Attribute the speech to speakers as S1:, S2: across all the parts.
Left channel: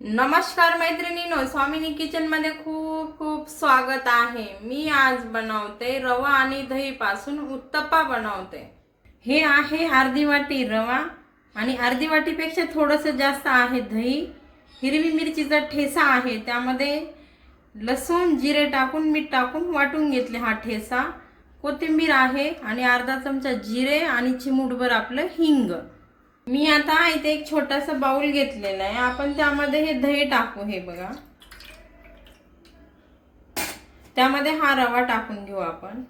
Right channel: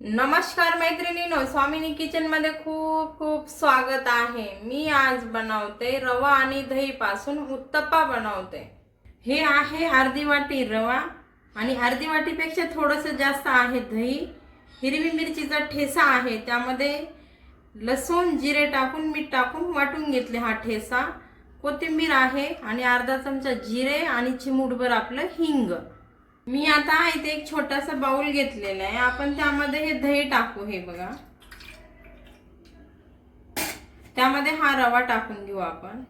S1: नमस्कार मैत्रिणीनो स्वामिनी किचनमध्ये खूप खूप स्वागत आहे. मी आज बनवते रवा आणि दही पासून उत्तप्पा बनवते. हे आहे अर्धी वाटी रवा आणि अर्धी वाटीपेक्षा थोडंसं जास्त आहे दही. हिरवी मिरचीचा ठेसा आहे त्यामध्ये लसूण जिरे टाकून मीठ टाकून वाटून घेतले हा ठेसा. कोथिंबीर आहे आणि अर्धा चमचा जिरे आणि चिमूटभर आपलं हिंग. मी आता इथे एक छोटासा बाउल घेतलेला आहे. आपण त्यामध्ये हे दही टाकू हे बघा. त्यामध्ये हा रवा टाकून घेऊ आपण.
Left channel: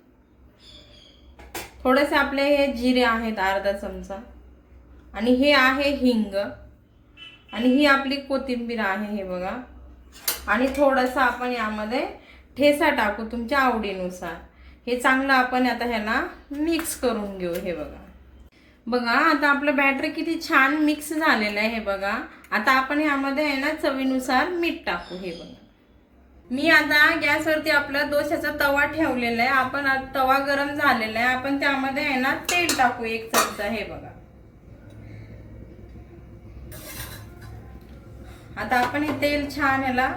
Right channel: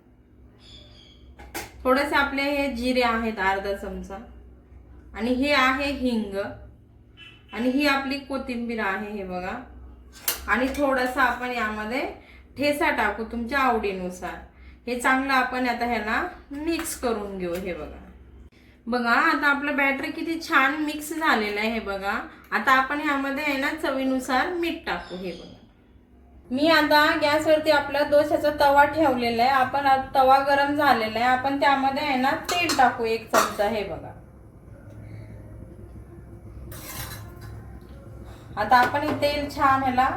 S1: थोडेसे आपले हे जिरे आहेत अर्धा चमचा. आणि हे आहे हिंग. आणि ही आपली कोथिंबीर आहे हे बघा. आणि थोडंसं आपण यामध्ये ठेसा टाकू तुमच्या आवडीनुसार. हे चांगलं आपण आता ह्याला मिक्स करून घेऊ हे बघा. बघा आता आपलं बॅटर किती छान मिक्स झालेलं आहे हे बघा. आता आपण ह्यामध्ये आहे ना चवीनुसार मीठ टाकू हे बघा. मी आता गॅसवरती आपला दोशाचा तवा ठेवलेला आहे. आपण आता तवा गरम झालेला आहे. आपण त्यामध्ये आहे ना तेल टाकू एक चमचा हे बघा. आता आपण हे तेल छान ह्याला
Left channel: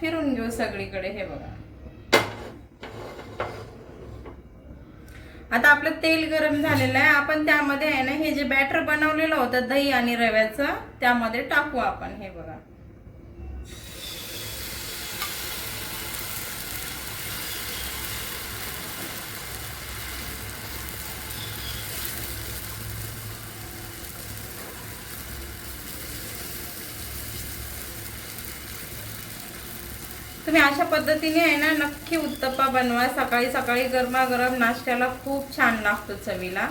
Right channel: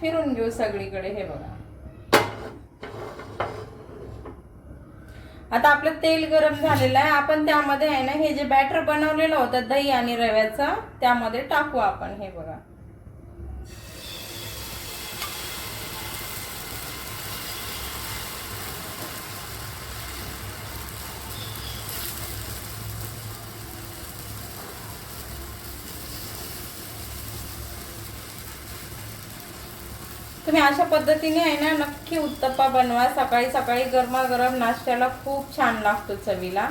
S1: फिरून घेऊ सगळीकडे हे बघा. आता आपलं तेल गरम झालेलं आहे. आपण त्यामध्ये आहे ना हे जे बॅटर बनवलेलं होतं दही आणि रव्याचं त्यामध्ये टाकू आपण हे बघा. तुम्ही अशा पद्धतीने आहे ना नक्की उत्तप्पा बनवा. सकाळी सकाळी गरमागरम नाश्त्याला खूप छान लागतो चवीला.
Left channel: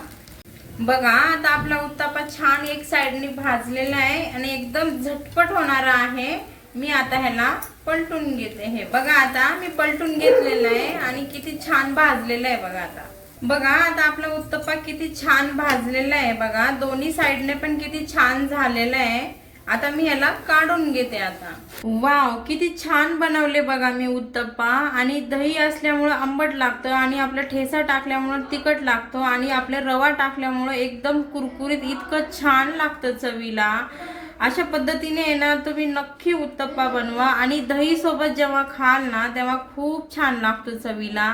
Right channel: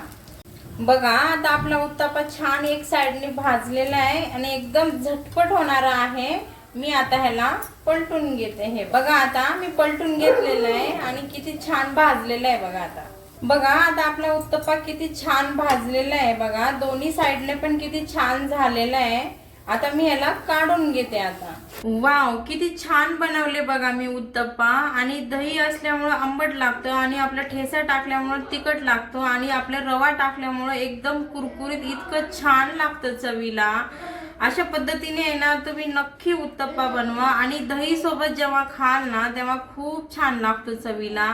S1: बघा आता आपला उत्तप्पा छान एक साइडने भाजलेला आहे आणि एकदम झटपट होणारा आहे. मी आता ह्याला पलटून घेते हे. बघा आता मी पलटून घेतलेलं आहे आणि किती छान भाजलेलं आहे बघा आता. बघा आता आपला उत्तप्पा किती छान भाजलेला आहे बघा. दोन्ही साइडने पण किती छान झालेला आहे. आता मी ह्याला काढून घेते आता. वाव किती छान बनवले बघा मी उत्तप्पा. आणि दही असल्यामुळं आंबट लागतं आणि आपला ठेसा टाकल्यामुळं तिखट लागतो आणि आपला रवा टाकल्यामुळं एकदम कुरकुरीत इतकं छान लागतं चवीला. अशा पद्धतीने येणार तुम्ही नक्की उत्तप्पा बनवा. आणि दही सोबत जेव्हा खाल ना तेव्हा खूप छान लागतो चवीला.